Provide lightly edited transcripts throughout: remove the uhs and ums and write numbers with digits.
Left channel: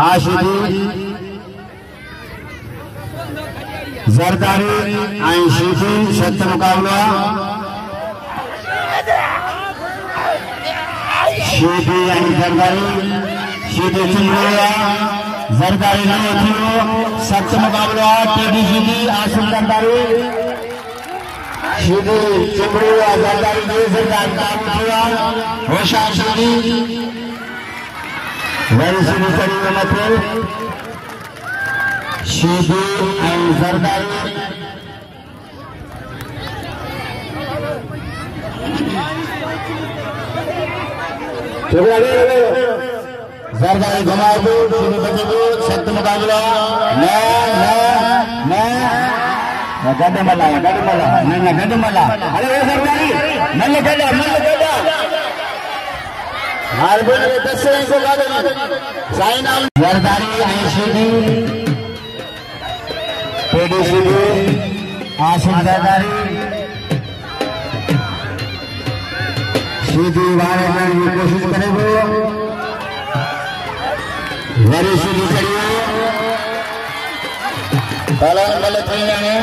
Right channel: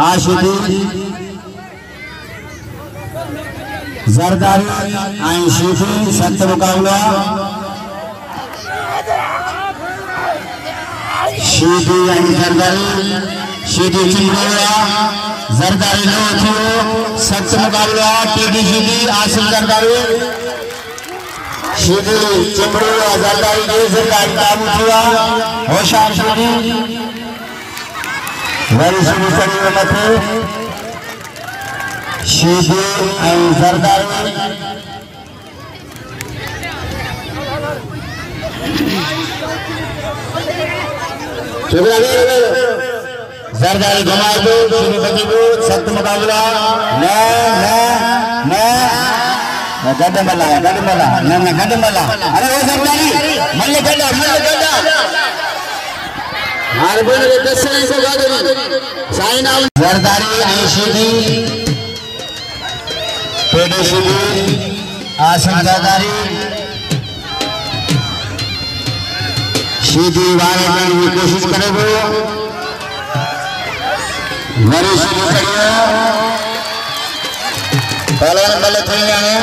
आशिदी जरदारी ऐं शीफी सख्त मुकाबला शीफी ऐं जरदारी शीफी चिमड़ा जरदारी न थियो सख्त मुकाबला टीडी शीफी आसिम जरदारी शीफी चिमड़ा जरदारी ने जरदारी काबू थिया होशार शीफी वरी शीफी चढ़ी मथे शीफी ऐं जरदारी जरदारी घुमा दो शीफी बची दो सख्त मुकाबला गडमला अरे वो जरदारी मल्ल गड्डा हर बोल के कैसे से गादे साइन आउट जरदारी ऐं शीफी टीडी शीफी आसिम जरदारी शीफी वारे करने की कोशिश करेगो मेरी शीफी चढ़ियो पहलवान मल्ल थई है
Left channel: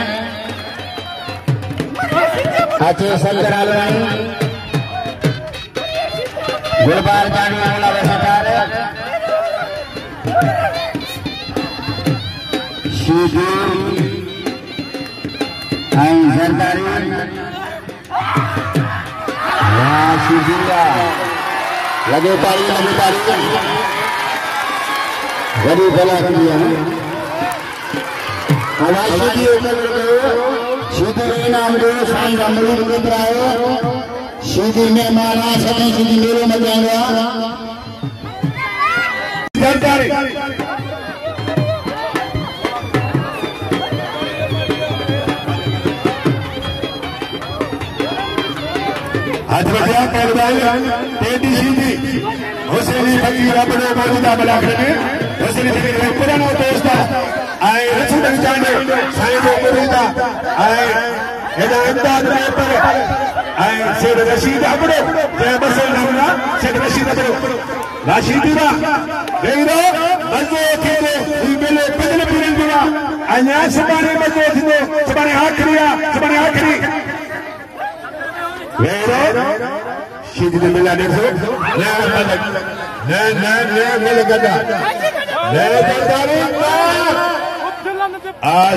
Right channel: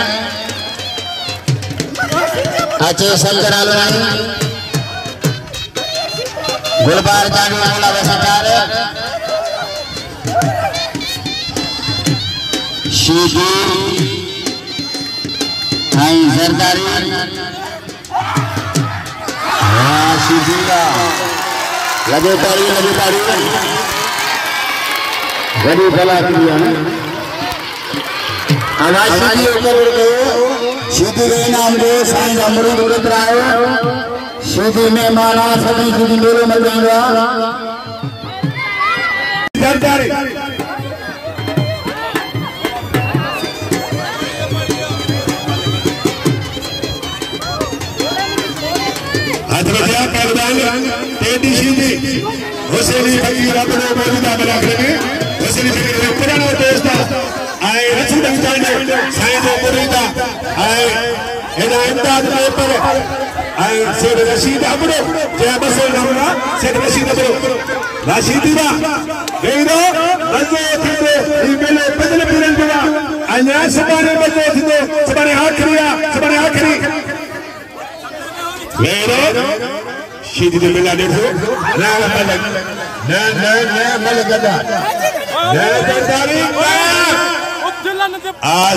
अच्छे शंकर आलवानी गुलबार जानी वाला वैसाचार शीफी ऐं जरदारी शीफी लगे तारी वही भला किया आवाज शीफी ऊपर उड़ गए शीफी के नाम दे साईं अमरूद उड़त रहे शीफी में माना सभी शीफी मेरे मल जाएगा जरदारी पहलवान टीडी शीफी हुसैनी फकीर अपने मौजूदा बना करेंगे हुसैनी फकीर पुराना दोस्त आए रसूल जाने साईं मुरीदा आए एदा इम्दाद पेपर आए सेठ रशीद अपने जे बसल हमला सेठ रशीद अपने रशीदी बा बेरो मजो थींदो ई मेले बदल पूरन दिवा अञा सुभाणे मजो थींदो सुभाणे आखिरी मेरो शीफी ने मिला देखो मल गदा जरदारी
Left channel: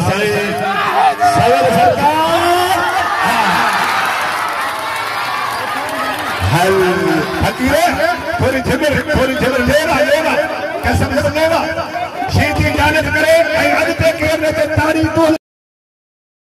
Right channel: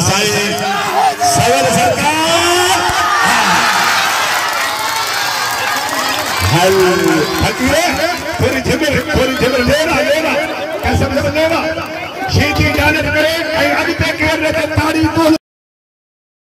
साईं सवल सरकार हाय फकीर थोड़ी झबर लेवा कसम से लेवा शीफी जानत करे ऐं अॻिते केर न